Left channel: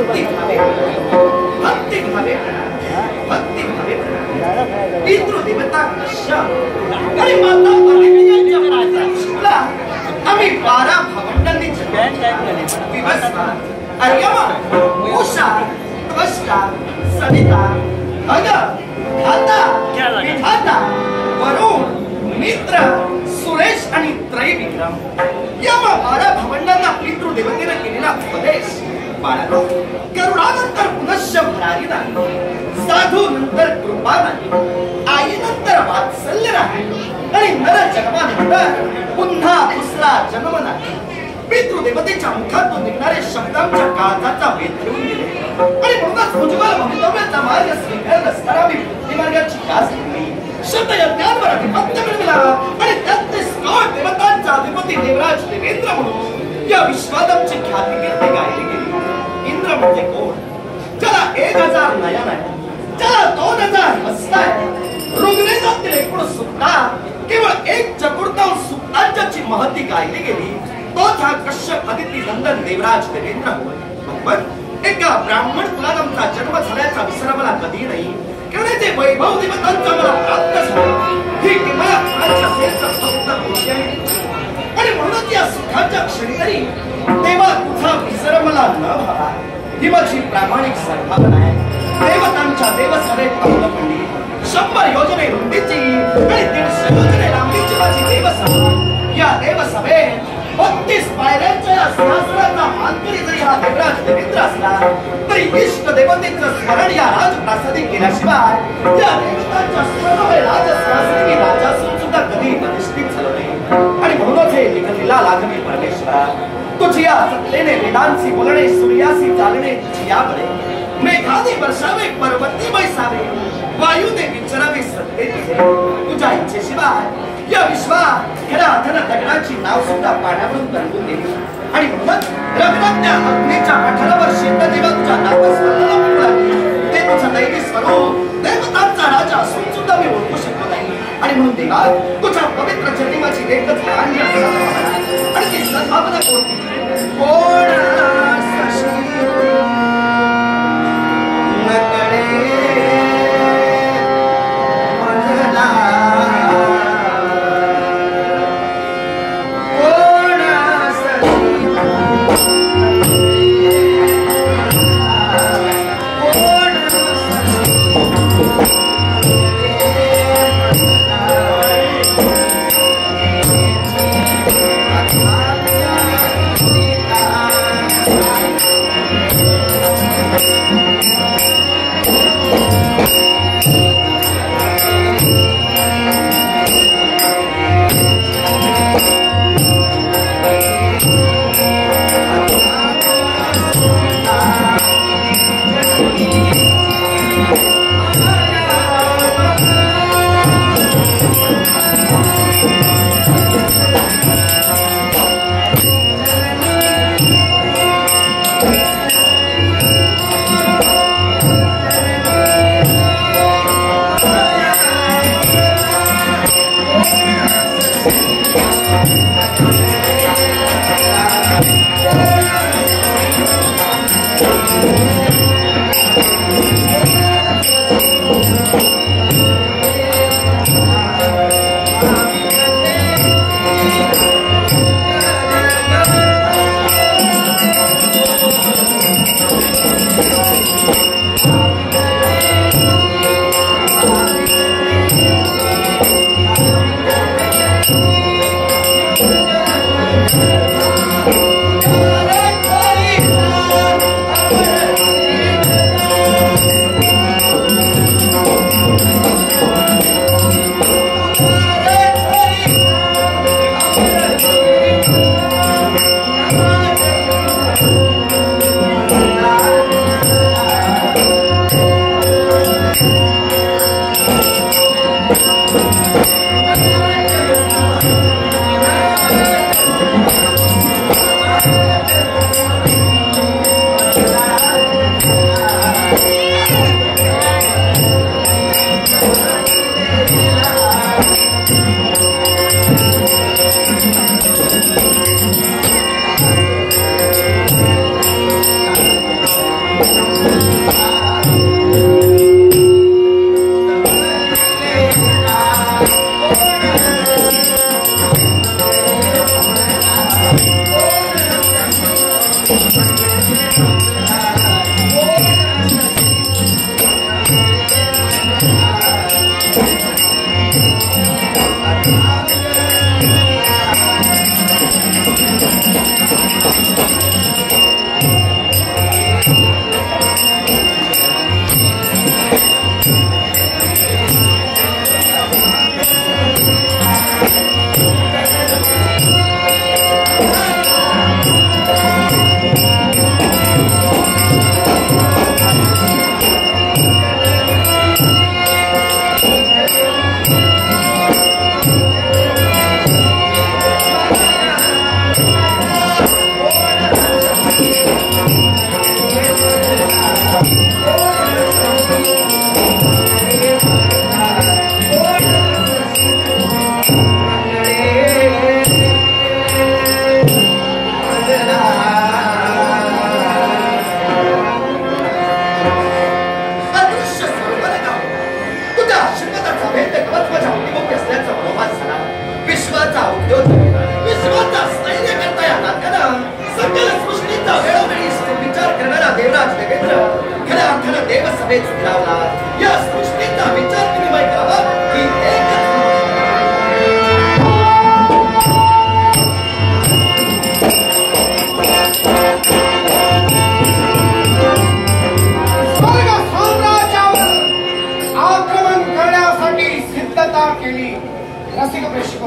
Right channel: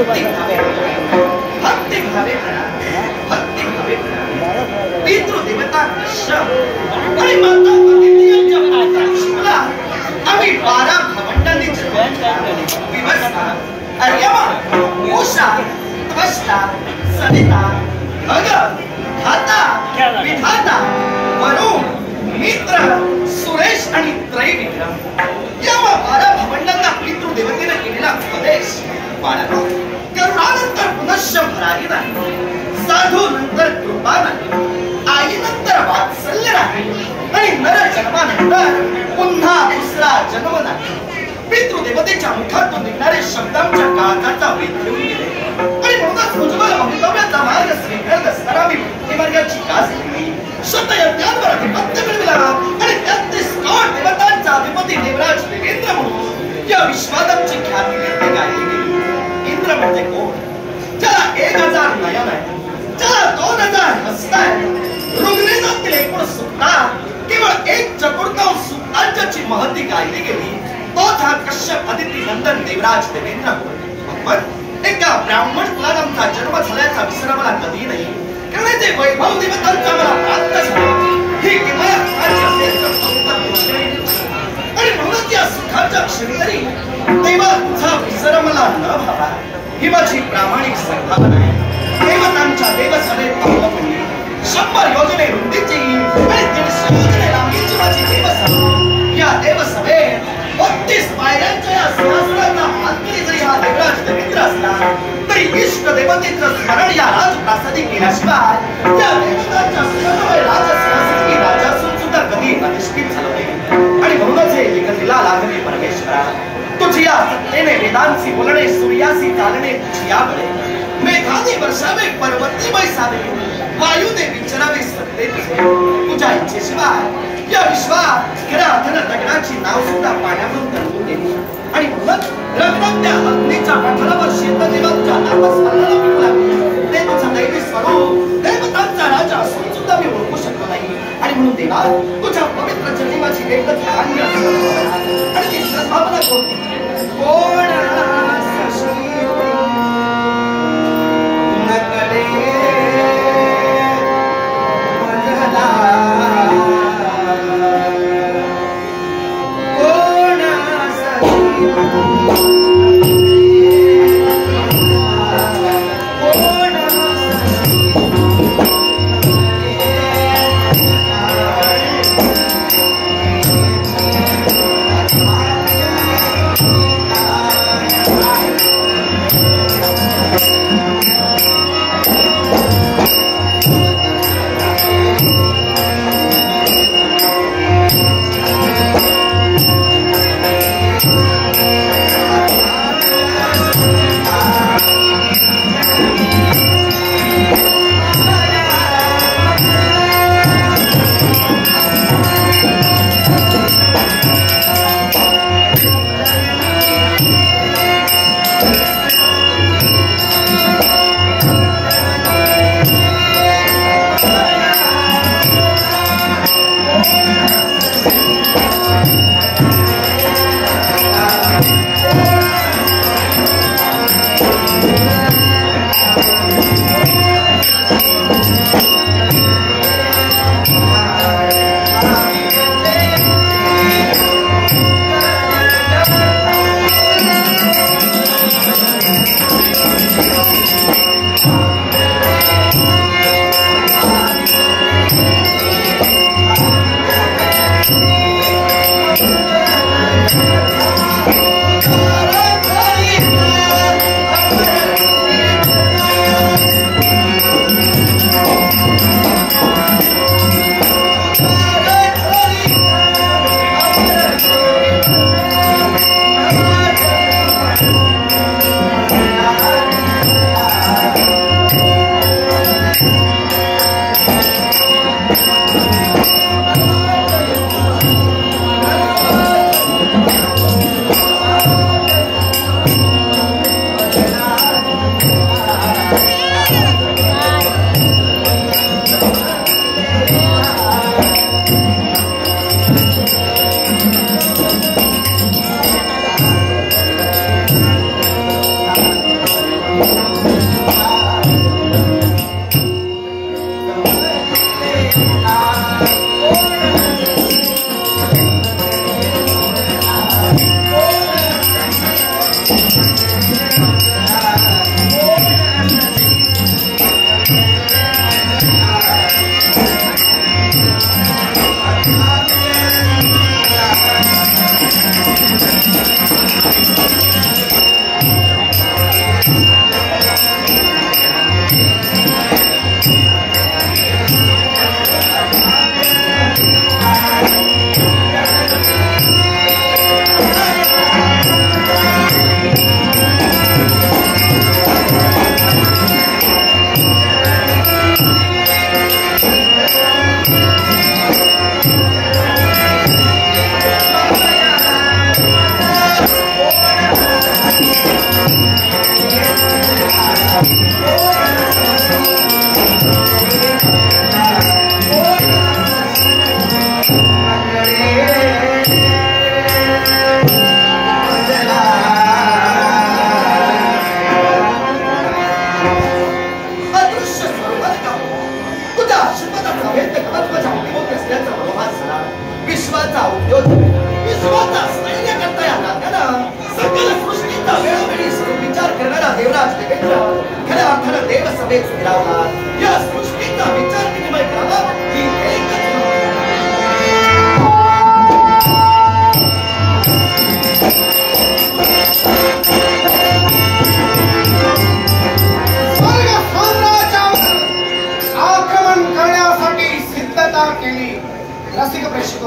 भक्ती भावे भक्ती भावे भक्ती भावे पितृदेवता आणि माता अदितीच्या प्रार्थना आम्ही 12 भवंडांनी विवस्ता अर्यमा उषा त्वष्टा सविता भग धाता विधाता वरुण मित्र सुरेश आणि त्रैविक्रम या 12 भवंडांना पितृदेवतेने केलेला उपदेश बाळांनो करुणानंतर पुनश्च भरारी नाही साधू नंतर कृपा नाही आई नंतर वात्सल्य नाही आणि नर जन्मानंतर पुन्हा दुसरा जन्म नाही पितृदेवतेच्या मुखातून निघणारे शब्दांच्या काळजाचा वेध घेऊन गेले आणि म्हणूनच उज्ज्वल भवितव्याचा मार्ग स्वीकारत असताना मी भक्तिमार्गाची कास घेतली शतयज्ञांवर अधिपत्य मिळवला आणि 33 कोटी देवतांचा अधिपती देवराज देवेंद्र म्हणून या विश्वादमची ख्याती कीर्ती गायली गेली इंद्र म्हणजे कोण ज्याला 1000 नयन आहे ज्याला 2000 हस्त आहे ऋग्वेदातील एकूण सुक्तात केवळ 1/4 सुक्तांची महती गायली गेली तोच हा कश्यप अदिती नंदन देवराज देवेंद्र होय पण एका ब्राह्मण कुलात जन्म झाल्याचा विसर मला कधी नाही कारण ते वैभव देवतांचा मला प्राप्त झाला ही किंवा आणि म्हणून या सुखाच्या क्षणी तरी देवा तुझा विसर मला न व्हावा ही माझी प्रामाणिक संकल्पना आहे देवतांच्या देवसभेत तवलपणी 100 योजने रुंदीची आणि 150 योजने लांबीची माझी देवसभा या देवसभेत 32 पायऱ्यांच्या या सहस्रांना मालकरी जरी हा देवराज देवेंद्र असला तरी इष्ट देवतेचं स्मरण या राजप्रासादी केल्याशिवाय या देवतांच्या सर्व राजसहस्री राजासून सुद्धा कधी अधिष्ठित झालं नाही आणि म्हणूनच हे जगतीला लागली परमेश्वरा तुझी या सत्तेने वेदांची बोलणे सूर्यासी चालणे तुझी या बळे मेघाने वर्षावे पर्वती बैसावे वायूने विचरावे सत्ते तुझ्या इच्छेशिवाय या विश्वात गेला अथन दगडाची नाव सुद्धा पाण्यावरून तरंगून गेली आणि म्हणून रगडत्या अग्नीच्या पठारावर शेतदेवांच्या नामस्मरणाला मिळू लागली ते तुझं दैवी स्वरूप देवतांचा राजा असून सुद्धा मी ओळखू शकलो नाही आणि म्हणून देवा तुझ्या पवित्र जन्माची एकच कान्य सद्भावना आणि ती सद्भावना कोणती कोण देव सभेत फिरावला या सृष्टीचा विचार विनिमय करावा ही एकच स्वर्ग साम्राज्यावर आक्रमण करण्यासाठी सिद्धता केली. रसिक प्रेक्षक